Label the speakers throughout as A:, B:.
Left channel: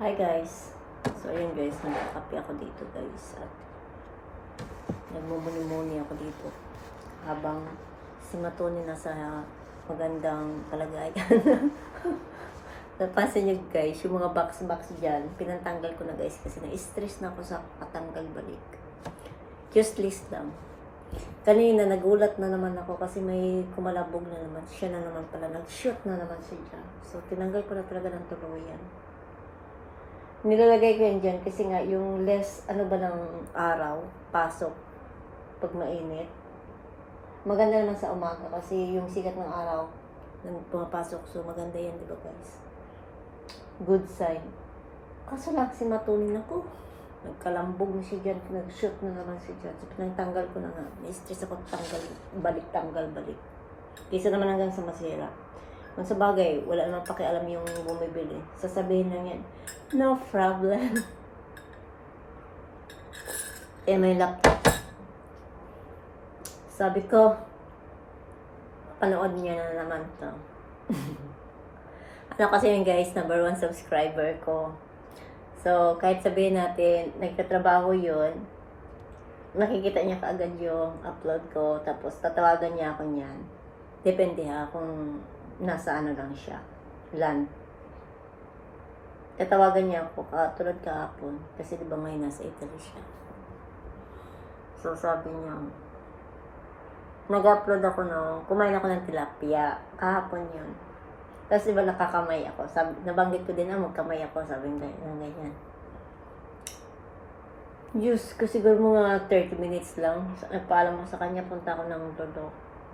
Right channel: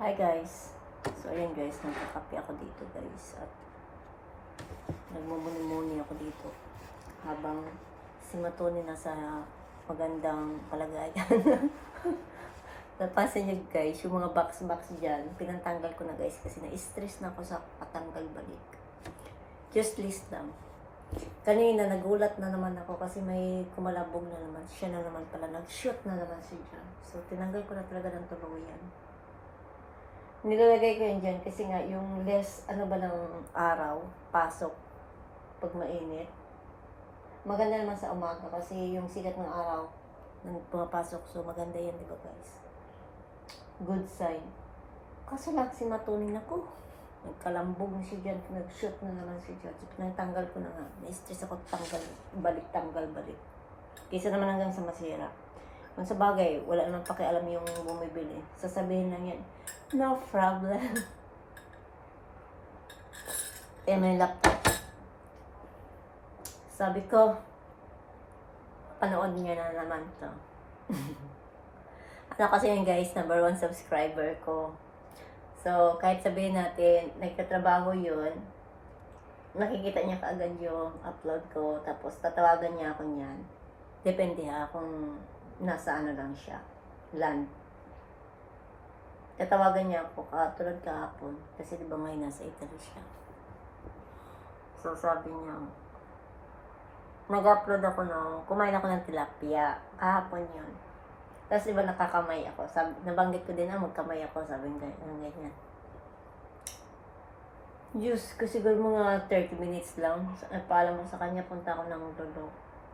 A: Hi guys. So ayun guys, nagkakape ako dito guys at nagmumuni-muni ako dito habang si Matoni nasa magandang kalagayan. Napansin nyo guys, yung mga box-box dyan, pinantanggal ko na guys kasi na-stress na ako sa patanggal balik. Just list lang. Kanina nagulat na naman ako kasi may kumalabog na naman. Siya na naman pala. Nag-shoot na naman siya dyan. So tinanggal ko na talaga ng tuluyan. Nilalagay ko yan dyan kasi nga yung less, ano ba ng araw, pasok, pag mainit. Maganda naman sa umaga kasi yung sikat ng araw, nang pumapasok. So maganda yan, di ba guys? Good sign. Kaso lang si matunin ako. Nagkalambog na siya dyan, nag-shoot na naman siya dyan. So pinagtanggal ko na nga. Na-stress ako tanggal, balik, tanggal, balik. Kisa naman hanggang sa masira. Sa bagay, wala namang pakialam yung bumibili. Sasabihin lang yan, no problem. eh, may laptop. Sabi ko, panood niya na naman to. ano kasi yun guys, number one subscriber ko. So, kahit sabihin natin, nagtatrabaho yun, nakikita niya kaagad yung upload ko, tapos tatawagan niya ako niyan. Depende ha, kung nasa ano lang siya, land. Tatawagan niya ako, katulad kahapon, kasi di ba may nasa Italy siya. So, sabi niya, nag-upload ako nung, kumain ako ng tilapia, kahapon yun. Tapos di ba nakakamay ako, sabi, nabanggit ko din na magkamay ako, sabi ng ganyan. Diyos, kasi siguro mga 30 minutes lang. Nagpaalam ko sa kanya, punta ako ng Dodo.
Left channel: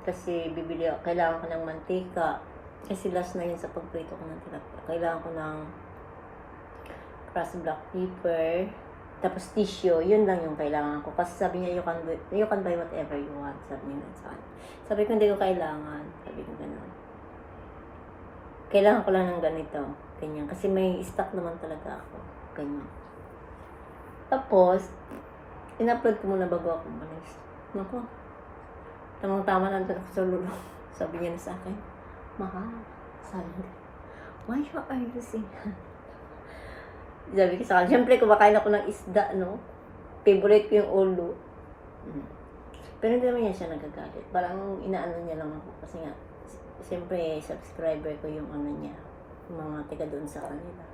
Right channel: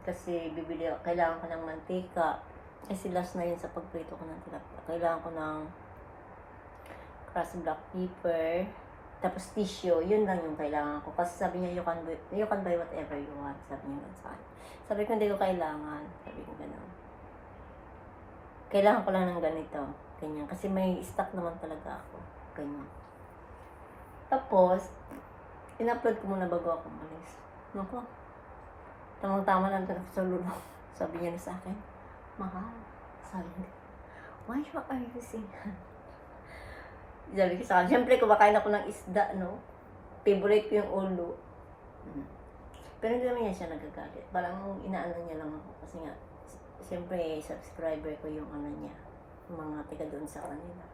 A: Kasi bibili ako, kailangan ko ng mantika. Kasi last na yun sa pagprito ko ng tilapia. Kailangan ko ng crushed black pepper, tapos tissue, yun lang yung kailangan ko. Kasi sabi niya, you can, buy, you can buy whatever you want. Sabi niya sa akin. Sabi ko, hindi ko kailangan. Sabi ko gano'n. Kailangan ko lang ng ganito. Ganyan. Kasi may stock naman talaga ako. Ganyan. Tapos, in-upload ko muna bago ako umalis. Nako. Tamang-tama nandun ako sa lulo. Sabi niya na sa akin, Mahal. Sabi niya, why you are using Sabi ko sa kanya, syempre kumakain ako ng isda, no? Favorite ko yung ulo. Mm. Pero hindi naman niya siya nagagalit. Parang inaano niya lang ako. Kasi nga, siyempre, subscriber ko yung ano niya. Mga tiga doon sa kanila.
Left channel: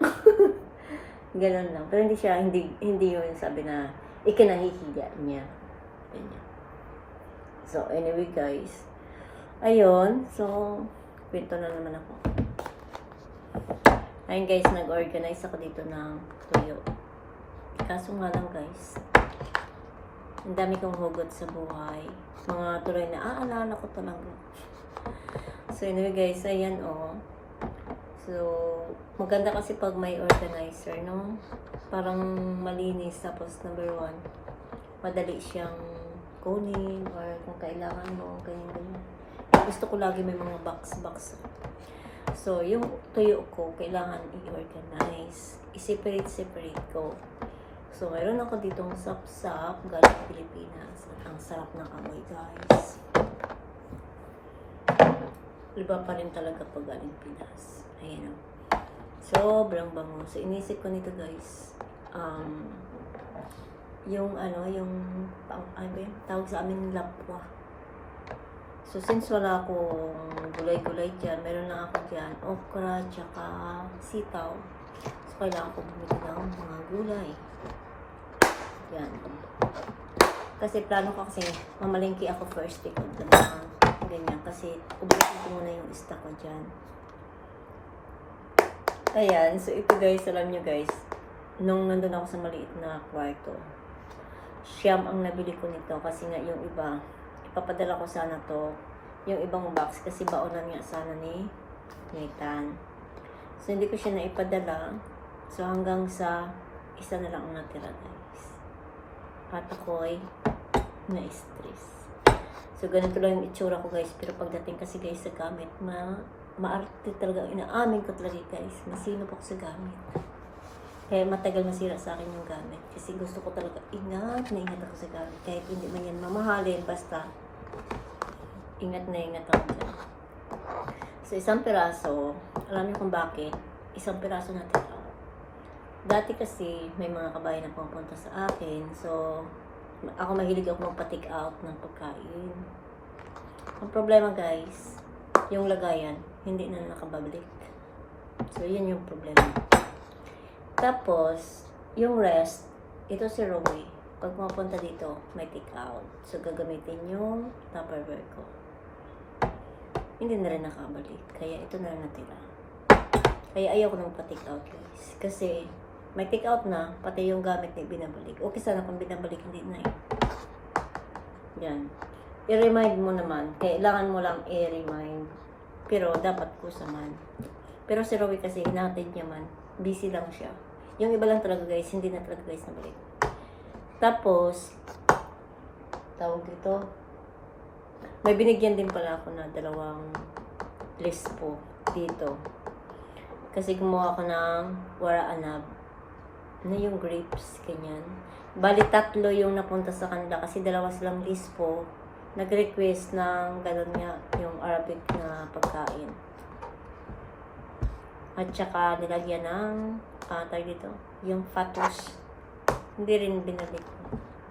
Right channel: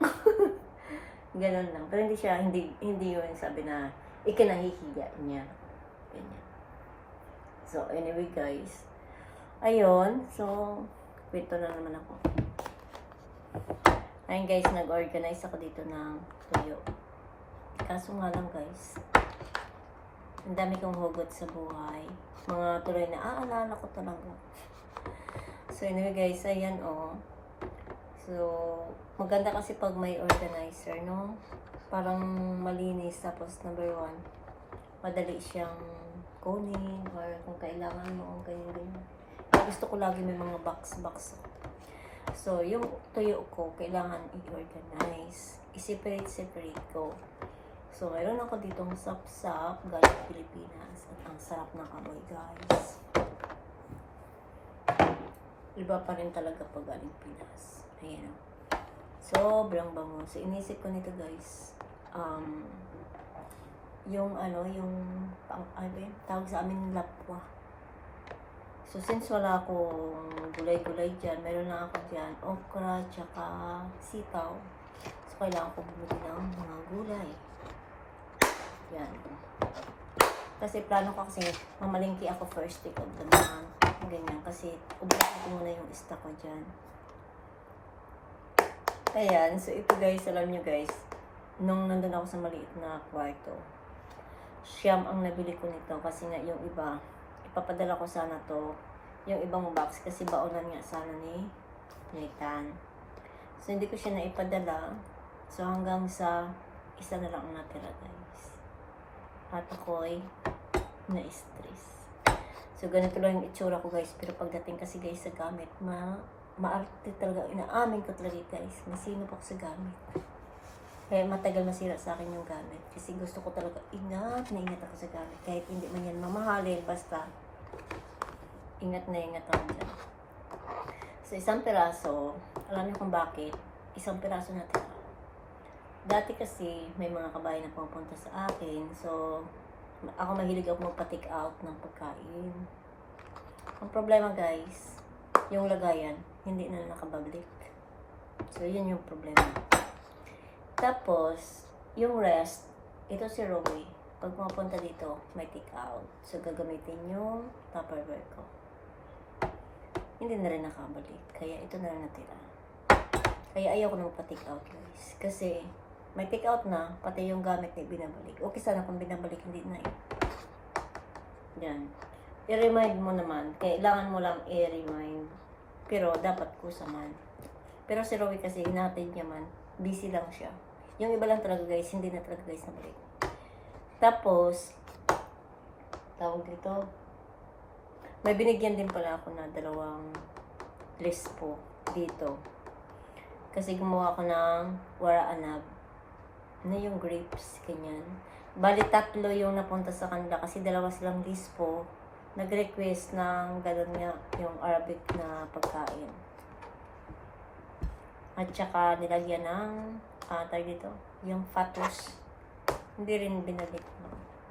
A: Ganon lang. Pero hindi siya, hindi, hindi yun sabi na ikinahihiya niya. Ganyan. So, anyway guys. Ayun. So, kwento na naman ako. Ayun guys, nag-organize ako dito ng tuyo. Kaso nga lang guys, ang dami kong hugot sa buhay. Mga tuloy na aalala ko talaga. So anyway guys, ayan oh. So, maganda kasi pag may organizer, no? Parang malinis. Tapos number one, madali siyang kunin or kung kailangan mo, ganyan-ganyan. Gusto ko lagi may mga box-box. So, yung tuyo ko, kailangan i-organize. I-separate-separate ko. So, mayroon ako ditong sap-sap galing Pilipinas. At ang sarap ng amoy, guys. Iba pa rin talaga pag galing Pinas. Ayan. Sobrang bango. So, inisip ko nito, guys. Um, yung ano, yung, pang, ba yun? Tawag sa amin, lapwa. So, since wala akong gulay-gulay dyan, meron lang ako dyan, okra, tsaka sitaw. So, kailangan ko bumili ng mga gulay. Yan. Kasi plano ko kasi, mamalingki ako first week of the month. Ganyan. Kasi, ubusin ko muna yung stock ko dyan. Ayan. So, ito guys, alam nyo guys, nung nandun ako sa maliit na kwarto, siyam ang nabili ko nito kasi nga yung iba, ipapadala ko sana to yung ibang box kasi baonan nga sana ni Nathan. So, hindi ko siya naipadala. So, hanggang sa isa na lang ang natira, guys. At ako'y na-stress. So, ganito lang yung itsura ko, guys. Pero pagdating kasi, guys, sa gamit, ma maarte talaga. Inaamin ko talaga, guys. Masino po ako sa gamit. Kaya matagal masira sa akin yung gamit. Kasi gusto ko talaga ingat na ingat ako sa gamit. Kahit hindi man yan mamahalin, basta ingat na ingat ako dyan. So, isang piraso, alam niyo kung bakit, isang piraso na tira. Dati kasi may mga kabayan na pumunta sa akin. So, ako mahilig ako magpa-take out ng pagkain. Ang problema guys, yung lagayan, hindi na nakabalik. So, yun yung problema. Tapos, yung rest, ito si Romy. Pag pumunta dito, may take out. So, gagamitin yung Tupperware ko. Hindi na rin nakabalik. Kaya ito na lang natira. Kaya ayaw ko na magpa-take out guys. Kasi, may take out na, pati yung gamit na binabalik. Okay sana kung binabalik, hindi na eh. Yan. I-remind mo naman. Kailangan mo lang i-remind. Pero, dapat kusaman. Pero si Rowie kasi, hinatid niya man. Busy lang siya. Yung iba lang talaga guys, hindi na talaga guys nabalik. Tapos, tawag dito, may binigyan din pala ako na dalawang list po dito. Kasi gumawa ko ng wara anab na yung grapes, ganyan. Bali, tatlo yung napunta sa kanila kasi dalawa silang list po. Nag-request ng gano'n nga yung Arabic na pagkain. At saka nilagyan ng, ah, tawag dito, yung fatos. Hindi rin binalik.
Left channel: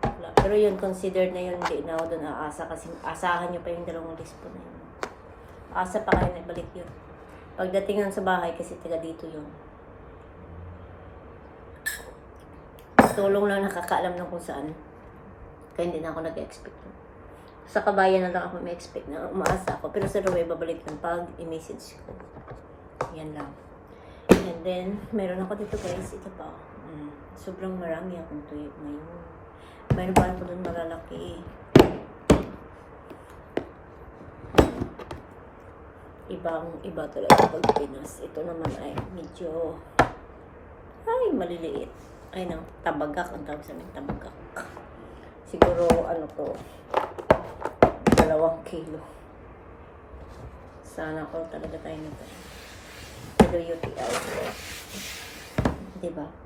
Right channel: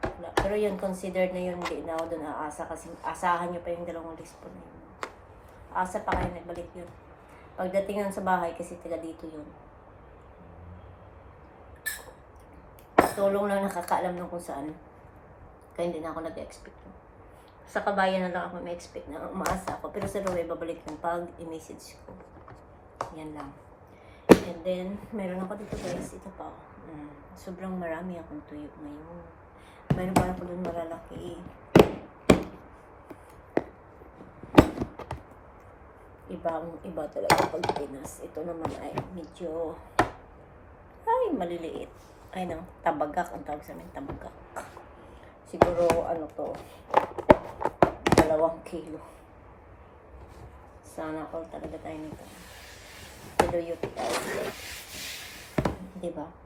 A: Wala. Pero yun, considered na yun, hindi na ako doon aasa kasi asahan nyo pa yung dalawang list po na yun. Asa pa kayo na ibalik yun. Pagdating yun sa bahay kasi taga dito yun. Tulong lang nakakaalam ng kung saan. Kaya hindi na ako nag-expect yun. Sa kabayan na lang ako may expect na umaasa ako. Pero sa Rowe, babalik yung pag i-message ko. Yan lang. And then, meron ako dito guys. Ito pa. Mm, sobrang marami akong tuyo ngayon. Meron pa ako doon malalaki. Ibang iba talaga pag Pinas. Ito naman ay medyo ay maliliit. Ay nang tabagak ang tawag sa amin tabagak. Siguro ano to dalawang kilo. Sana all talaga tayo nito. Pero UTI. Diba?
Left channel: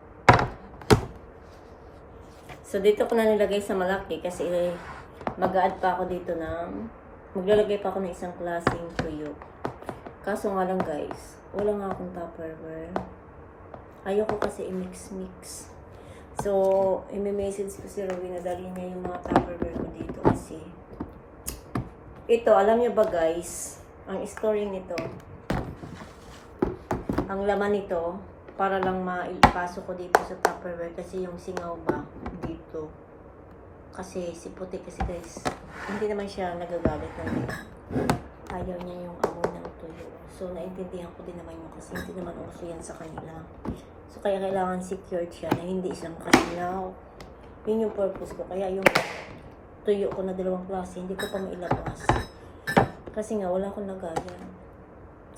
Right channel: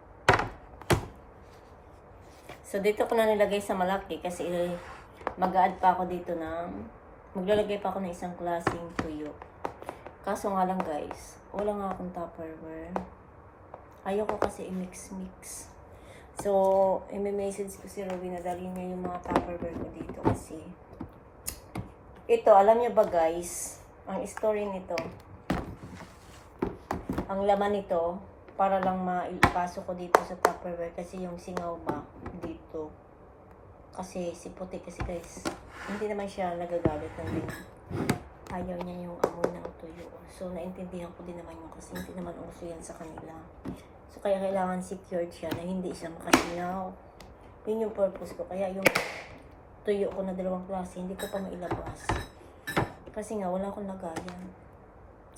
A: So, dito ko na nilagay sa malaki kasi mag-add pa ako dito ng maglalagay pa ako ng isang klaseng tuyo. Kaso nga lang guys, wala nga akong tupperware. Ayoko kasi i-mix-mix. So, i-message ko si Rowie na dali niya yung mga tupperware ko dito kasi ito, alam niyo ba guys, ang story nito, ang laman nito, para lang maipasok ko dito sa Tupperware kasi yung singaw ba dito. Kasi si puti kasi guys, hindi naman siya nagagalit ng ayaw niya yung amoy ng tuyo. So, naintindihan ko din naman yun kasi hindi naman uso yan sa kanila. So, kaya kailangan secured siya na hindi siya makasingaw. Yun yung purpose ko. Kaya yung tuyo ko na dalawang klase, hindi ko pa mailabas. Kasi nga, wala akong nagaya.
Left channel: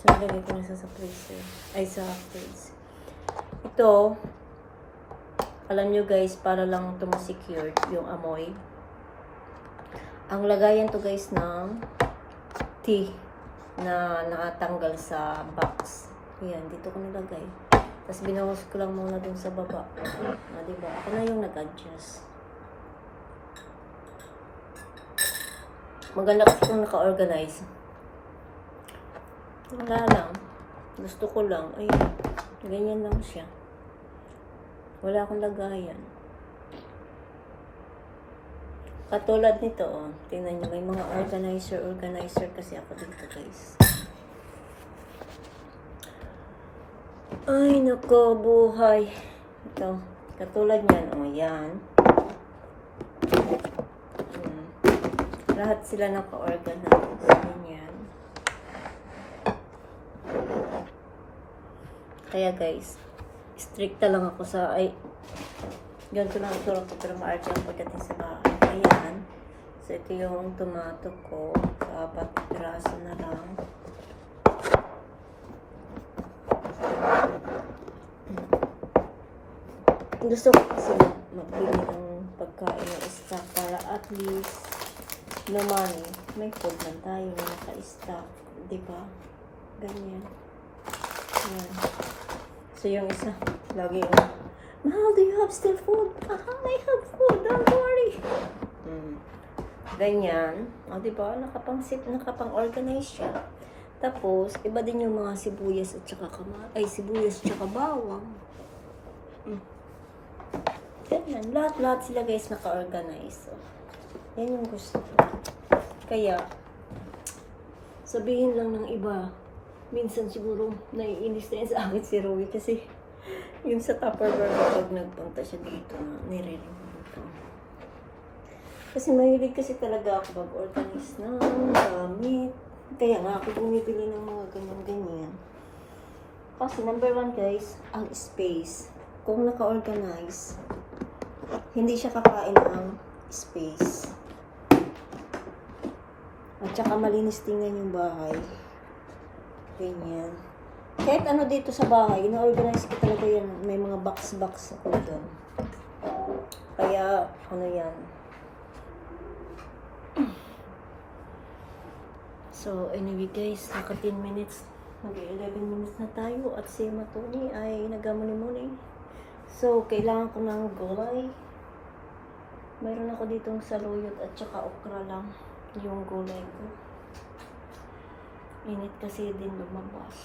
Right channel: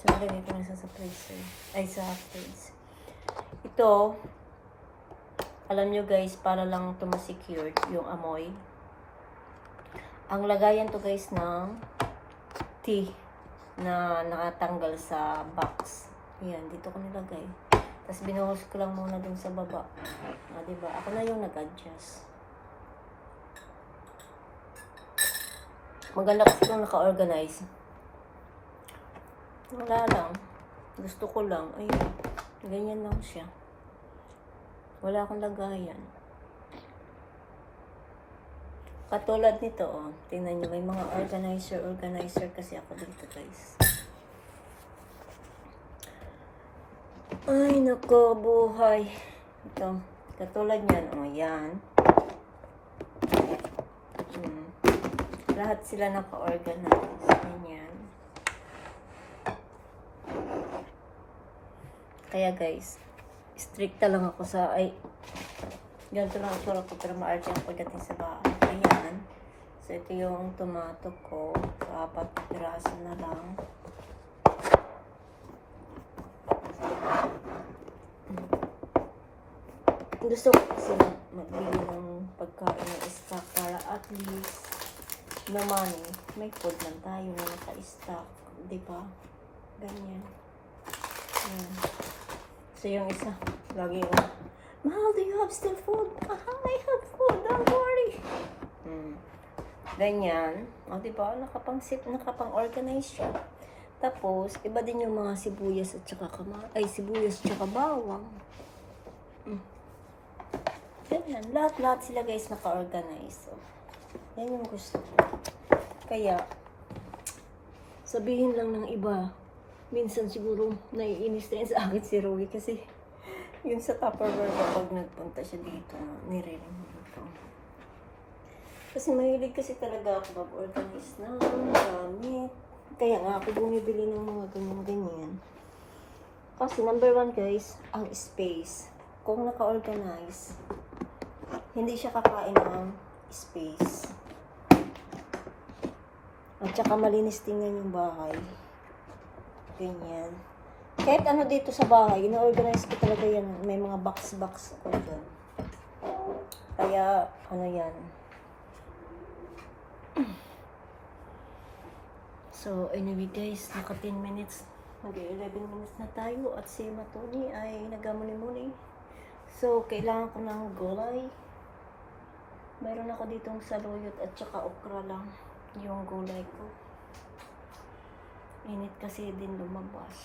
A: So, nalagay ko na sa freezer. Ay, sa fridge. Ito, alam nyo guys, para lang ito ma-secure yung amoy. Ang lagayan to guys ng tea na nakatanggal sa box. Ayan, dito ko nilagay. Tapos binuhos ko lang muna dun sa baba. Ah, diba? Ako na yung nag-adjust. Maganda kasi kung naka-organize. Wala lang. Gusto ko lang. Ay, ganyan lang siya. Wala akong lagayan. Katulad nito, oh. Tingnan nyo, may mga organizer, organizer kasi ako dito, guys. Ay, nako, buhay. Ito, katulad niyan, oh, yan. Hmm. Lahat sila naka-organize. Ganyan. Kaya guys, stricta lang ako sa, ay, ganito lang ito ko para ma-arch ang pagdating sa bahay. Ayan. So, ito yung tomato ko. So, apat piraso na lang. Gusto ko kasi magbili ng pagkain ng stock para at least naman may food man tayo na naka-stock. Di ba? Ganyan. Ayan. So, yung isa, lagi ko, Mahal, do you have still food? Aha, I have food. Don't worry. Hmm. Ganyan. O, di ba? Nakapang-sit, nakapang-organize siya. Tapos, iba din yung mga sibuyas at saka kama ay sibuyas at saka bawang. Ganyan. Lahat-lahat sila guys naka-organize. So, yan yung gusto ko. Kaya, sabihin lang ng iba, minsan siguro naiinis na yun sa akin si Roy kasi yun sa Tupperware kapag nagpunta siya dito nire-remove ko. Kasi mahilig kasi talaga ako mag-organize ng gamit. Kaya nga ako bumibili ng mga ganyan-ganyan. Kasi number one guys, ang space. Kung naka-organize, hindi siya kakain ng space. At saka malinis tingnan yung bahay. Ganyan. Kahit ano dito sa bahay, ina-organize ko talaga yan. May mga box-box ako dyan. Kaya, ano yan. So, anyway guys, naka 10 minutes. Mag-11 minutes na tayo at si Matoni ay nagamuni-muni. So, kailangan ko ng gulay. Meron ako ditong saluyot at saka okra lang yung gulay ko. Init kasi din lumabas.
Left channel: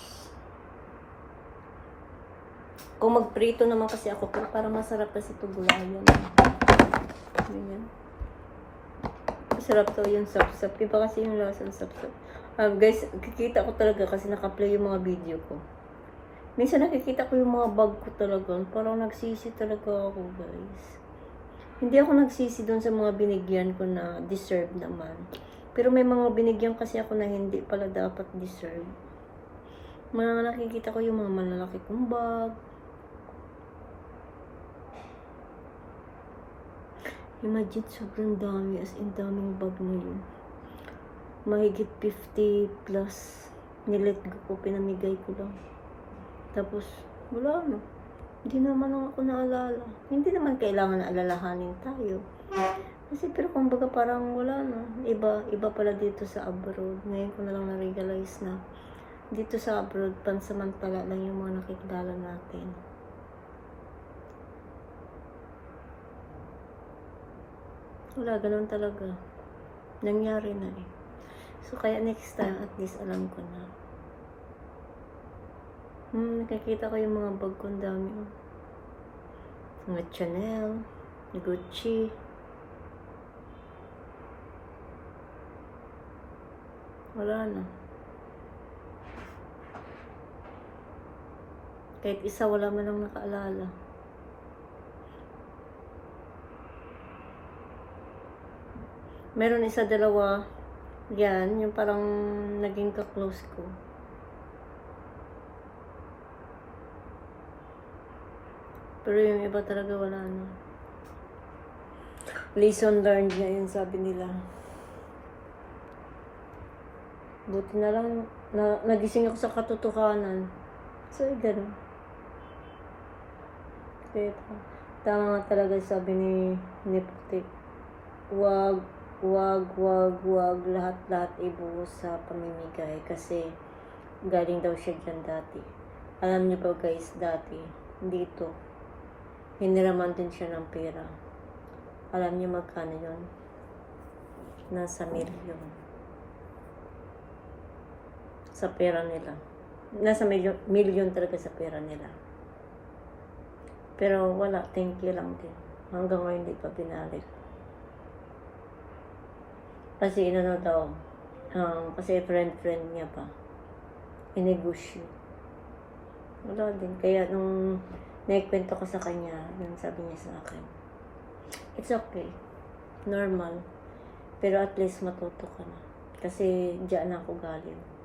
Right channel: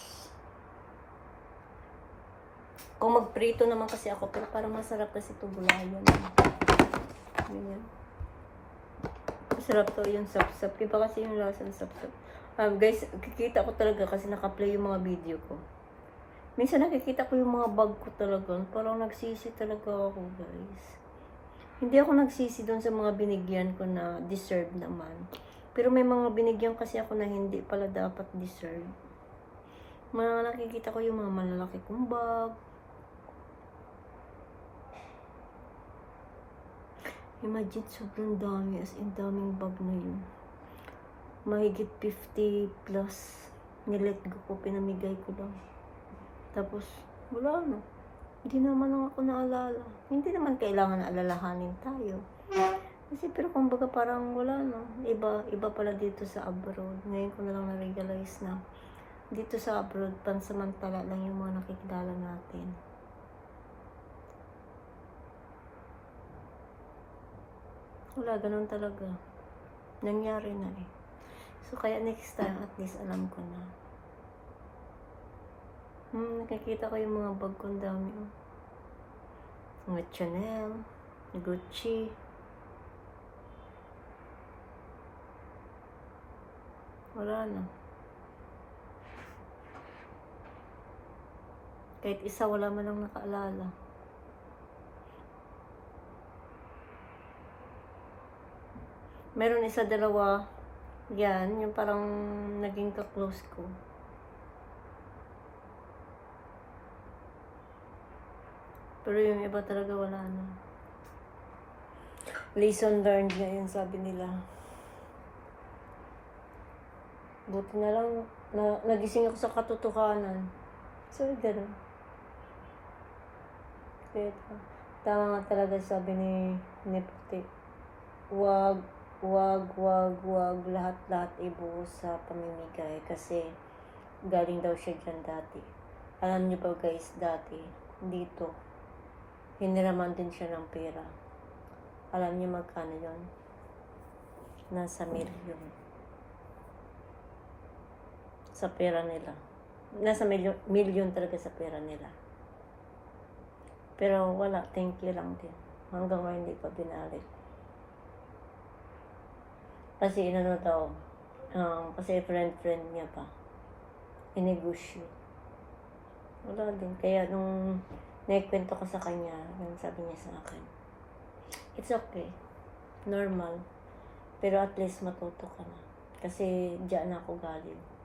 A: Kung magprito naman kasi ako, pero parang masarap kasi ito gulayan. Ganyan. Masarap to yung sap-sap. Iba kasi yung lasa ng sap-sap. Ah, guys, kikita ko talaga kasi naka-play yung mga video ko. Minsan nakikita ko yung mga bag ko talaga. Parang nagsisi talaga ako, guys. Hindi ako nagsisi doon sa mga binigyan ko na deserve naman. Pero may mga binigyan kasi ako na hindi pala dapat deserve. Mga nakikita ko yung mga malalaki kong bag. Imagine, sobrang dami. As in, daming bag na yun. Mahigit 50 plus. Nilet ko po, pinamigay ko lang. Tapos, wala no. Hindi naman ako naalala. Hindi naman kailangan alalahanin tayo. Kasi pero kumbaga parang wala no. Iba, iba pala dito sa abroad. Ngayon ko na lang na-realize na dito sa abroad, pansamantala lang yung mga nakikilala natin. Wala, ganun talaga. Nangyari na eh. So, kaya next time, at least alam ko na. Hmm, nakikita ko yung mga bag ko, ang dami. oh. Mga Chanel, Gucci. Wala na. Kahit isa, wala man lang nakaalala. Meron isa, dalawa. Yan, yung parang naging ka-close ko. Pero yung iba talaga wala na. Lesson learned na yun, sabi nila. Buti na lang, na, nagising ako sa katotohanan. So, gano'n. Kaya, tama nga talaga sabi ni, ni Puti. Wag, wag, wag, wag, lahat-lahat ibuhos sa pamimigay. Kasi, galing daw siya dyan dati. Alam niyo ba guys, dati, dito, hiniraman din siya ng pera. Alam niyo magkano yun? Nasa milyon. Sa pera nila. Nasa milyon, milyon talaga sa pera nila. Pero wala, thank you lang din. Hanggang ngayon hindi pa binalik. Kasi inano daw, um, kasi friend-friend niya pa. Inegotiate. Wala din. Kaya nung naikwento ko sa kanya, yun sabi niya sa akin, it's okay. Normal. Pero at least matuto ka na. Kasi diyan ako galing.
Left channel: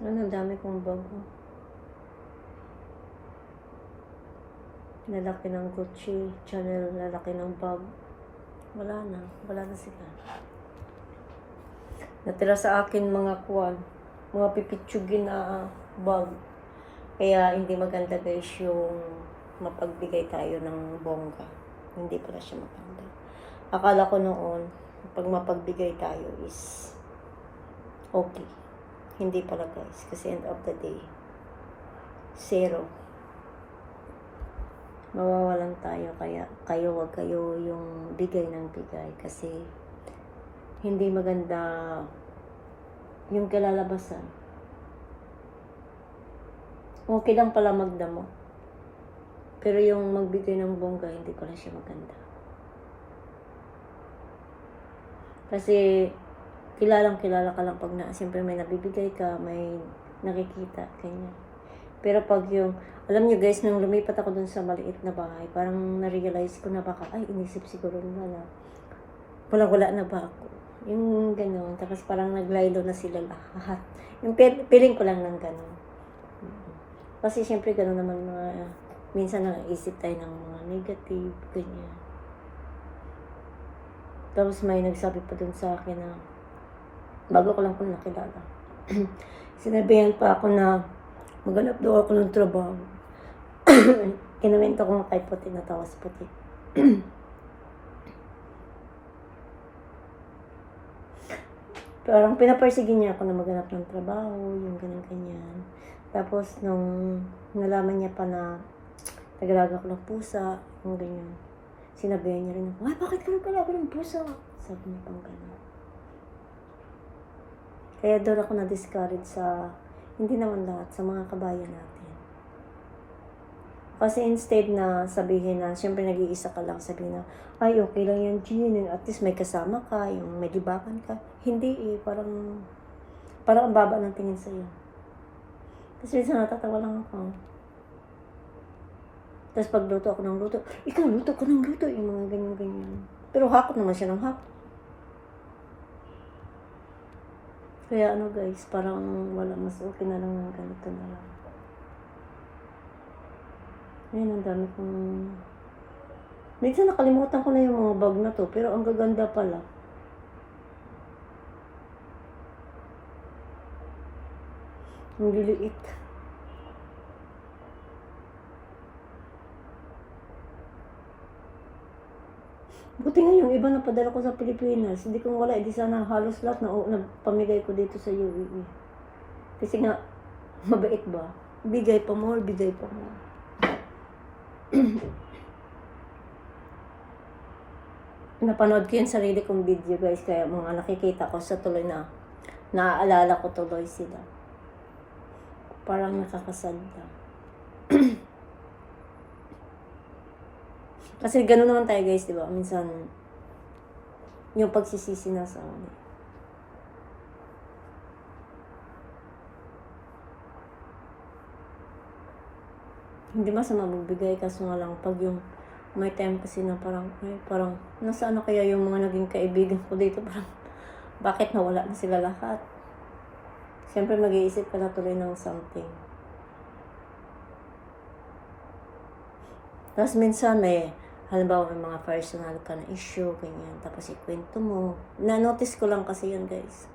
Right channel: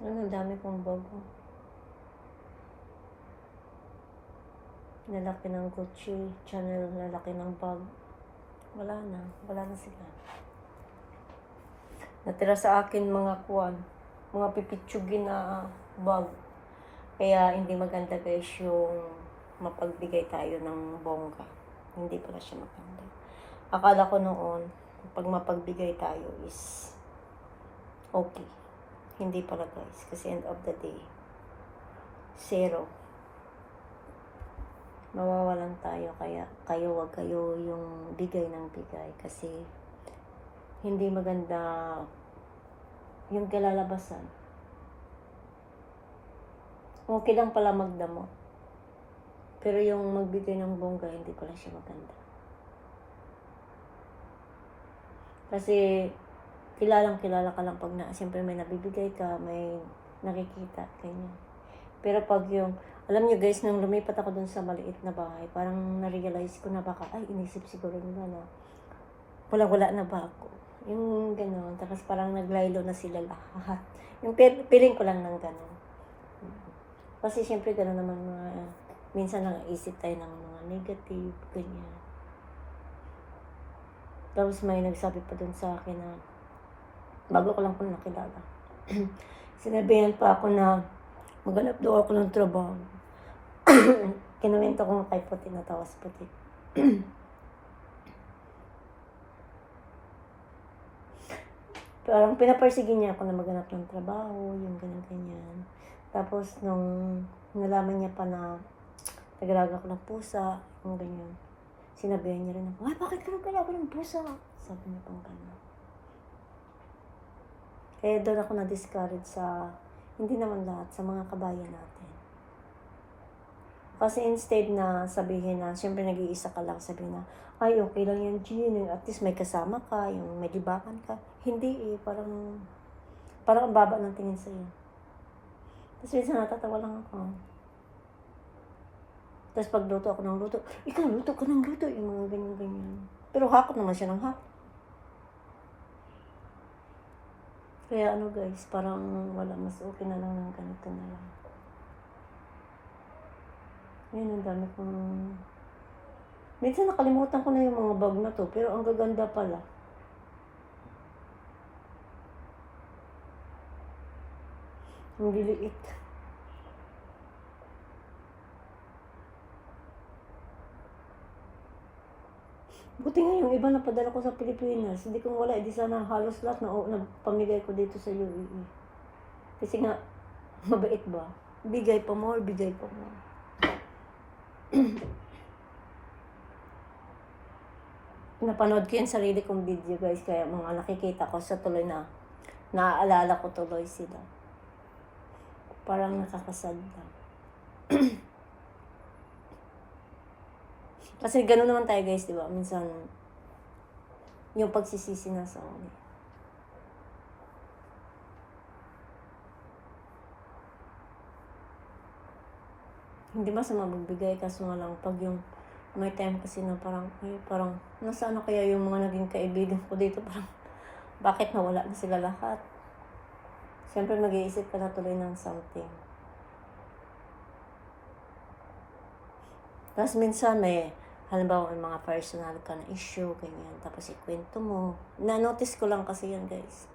A: Ano, ang dami kong bago. Lalaki ng Gucci, Chanel, lalaki ng bag. Wala na. Wala na sila. Natira sa akin mga kuwan, mga pipitsugin na bag. Kaya hindi maganda guys yung mapagbigay tayo ng bongga. Hindi pala siya maganda. Akala ko noon, pag mapagbigay tayo is okay. Hindi pala guys. Kasi end of the day, zero. Mawawalan tayo. Kaya kayo wag kayo yung bigay ng bigay. Kasi hindi maganda yung kalalabasan. Okay lang pala magdamo. Pero yung magbigay ng bongga, hindi lang siya maganda. Kasi kilalang kilala ka lang pag na, siyempre may nabibigay ka, may nakikita, ganyan. Pero pag yung, alam niyo guys, nung lumipat ako dun sa maliit na bahay, parang na-realize ko na baka, ay, inisip siguro nila na, wala-wala na ba ako? Yung gano'n, tapos parang naglaylo na sila lahat. Yung feeling ko lang ng gano'n. Mm. Kasi siyempre gano'n naman mga, minsan nang-isip tayo ng mga negative, ganyan. Tapos may nagsabi pa dun sa akin na, bago ko lang po nakilala. Sinabihan pa ako na maghanap daw ako ng trabaho. Kinawento ko nga kay Puti na tawas Puti. Parang pinapersige niya ako na maghanap ng trabaho, yung ganyan-ganyan. Tapos nung nalaman niya pa na nagalaga ko ng pusa, yung ganyan. Sinabihan niya rin ako, ay bakit ka nagalaga ng pusa? Sabi niya pang ganyan. Kaya doon ako na-discourage sa, hindi naman lahat, sa mga kabayan natin. Kasi instead na sabihin na, syempre nag-iisa ka lang, sabihin na, ay okay lang yan, Jean, at least may kasama ka, yung may libakan ka. Hindi eh, parang, parang ang baba ng tingin sa'yo. Tapos minsan natatawa lang ako. Tapos pagluto ako ng luto, ikaw luto ka ng luto, yung mga ganyan-ganyan. Pero hakot naman siya ng hakot. Kaya ano guys, parang wala, mas okay na lang ng ganito na lang. Ngayon, ang dami kong... Minsan nakalimutan ko na yung mga bag na to, pero ang gaganda pala. Ang liliit. Buti nga yung iba na padala ko sa Pilipinas, hindi ko wala, hindi sana halos lahat na oh, nagpamigay ko dito sa UAE. Kasi nga, mabait ba? Bigay pa more, bigay pa more. Napanood ko yung sarili kong video guys, kaya mga nakikita ko sa tuloy na naaalala ko tuloy sila. Parang nakakasad lang. Kasi gano'n naman tayo guys, di ba? Minsan, yung pagsisisi na sa ulit. Hindi masama magbigay kaso nga lang pag yung may time kasi na parang, ay parang, nasaan na kaya yung mga naging kaibigan ko dito? Parang, bakit nawala na sila lahat? Siyempre mag-iisip ka na tuloy ng something. Tapos minsan may, halimbawa may mga personal ka na issue, ganyan, tapos ikwento mo. Na-notice ko lang kasi yun guys.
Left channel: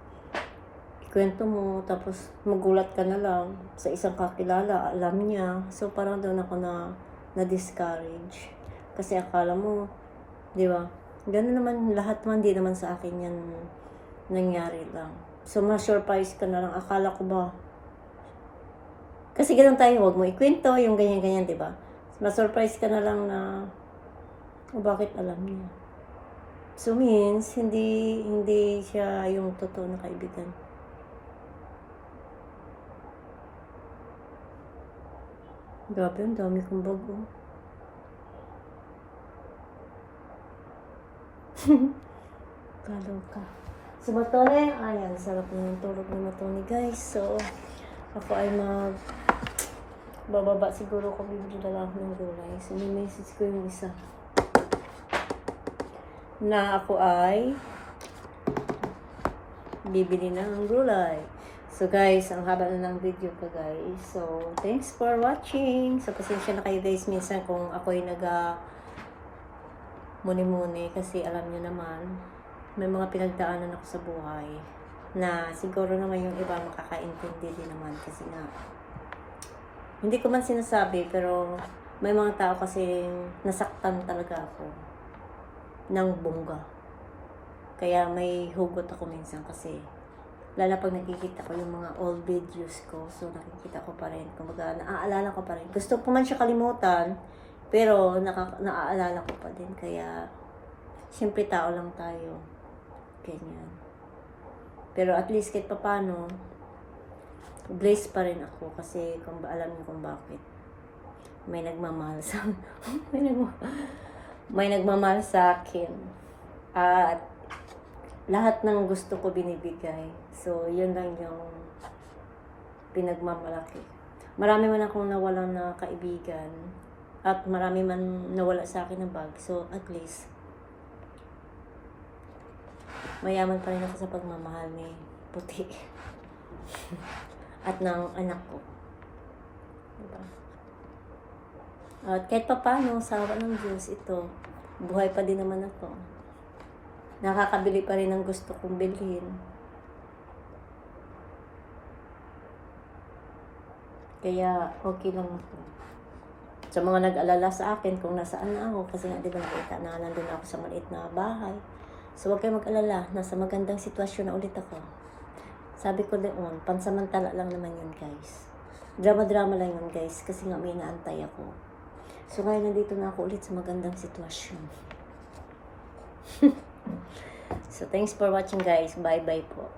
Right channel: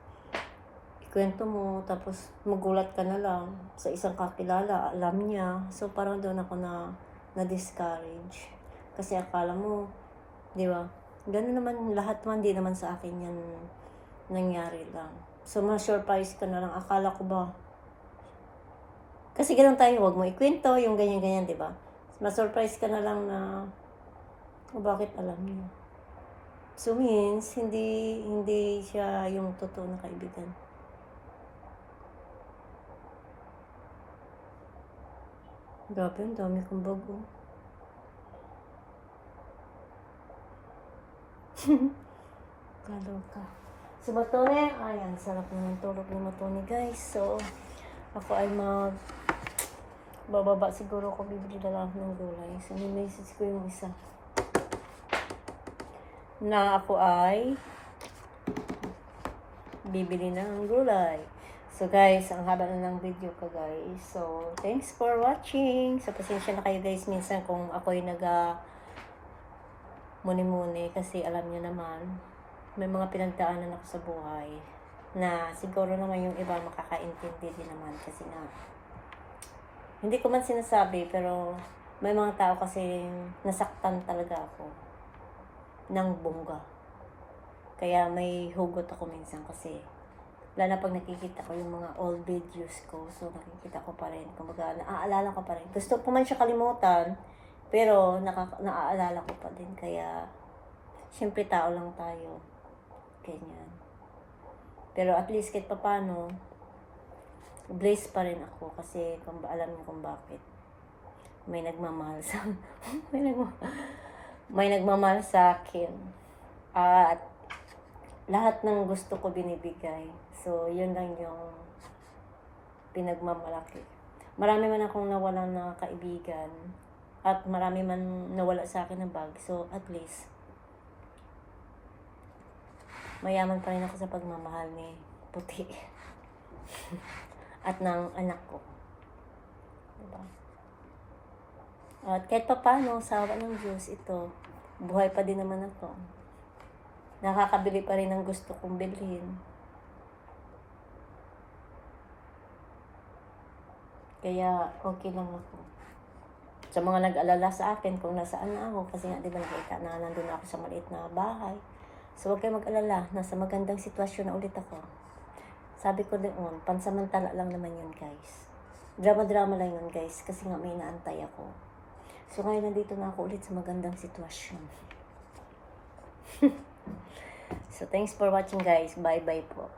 A: Ikwento mo, tapos magulat ka na lang sa isang kakilala, alam niya. So parang doon ako na na-discourage. Kasi akala mo, di ba? Gano'n naman, lahat man, di naman sa akin yan nangyari lang. So, ma-surprise ka na lang. Akala ko ba, kasi ganun tayo, huwag mo ikwento, yung ganyan-ganyan, di ba? Ma-surprise ka na lang na, o bakit alam niya? So, means, hindi, hindi siya yung totoo na kaibigan. Grabe, ang dami kong bago. Kaloka. Si Matone, ayan, sarap ng tulog ni Matone guys. So, ako ay mag bababa siguro ko bibili na lang ng gulay. So, message ko yung isa. Na ako ay bibili ng gulay. So guys, ang haba na ng video ko guys. So, thanks for watching. So, pasensya na kayo guys minsan kung ako yung naga muni-muni kasi alam niyo naman, may mga pinagdaanan ako sa buhay na siguro naman yung iba makakaintindi din naman kasi na hindi ko man sinasabi pero may mga tao kasi nasaktan talaga ako ng bongga. Kaya may hugot ako minsan kasi lalo pag nakikita ko yung mga old videos ko so nakikita ko pa rin. Kumbaga naaalala ko pa rin. Gusto ko man siya kalimutan pero naka, naaalala ko pa din. Kaya siyempre tao lang tayo. Ganyan. Pero at least kahit papano, blessed pa rin ako kasi kung ba alam niyo kung bakit. May nagmamahal sa may, nagma, may nagmamahal sa akin. At lahat ng gusto ko binibigay. So, yun lang yung pinagmamalaki. Marami man akong nawalan na kaibigan at marami man nawala sa akin ng bag. So, at least, mayaman pa rin ako sa pagmamahal ni Puti. at ng anak ko. Diba? At kahit pa paano, sa awa ng Diyos, ito, buhay pa din naman ako. Nakakabili pa rin ng gusto kong bilhin. Kaya, okay lang ako. Sa mga nag-alala sa akin kung nasaan na ako, kasi nga, di ba nakita na nandun ako sa maliit na bahay. So, huwag kayo mag-alala. Nasa magandang sitwasyon na ulit ako. Sabi ko doon, pansamantala lang naman yun, guys. Drama-drama lang yun, guys. Kasi nga may naantay ako. So, ngayon nandito na ako ulit sa magandang sitwasyon. so, thanks for watching, guys. Bye-bye po.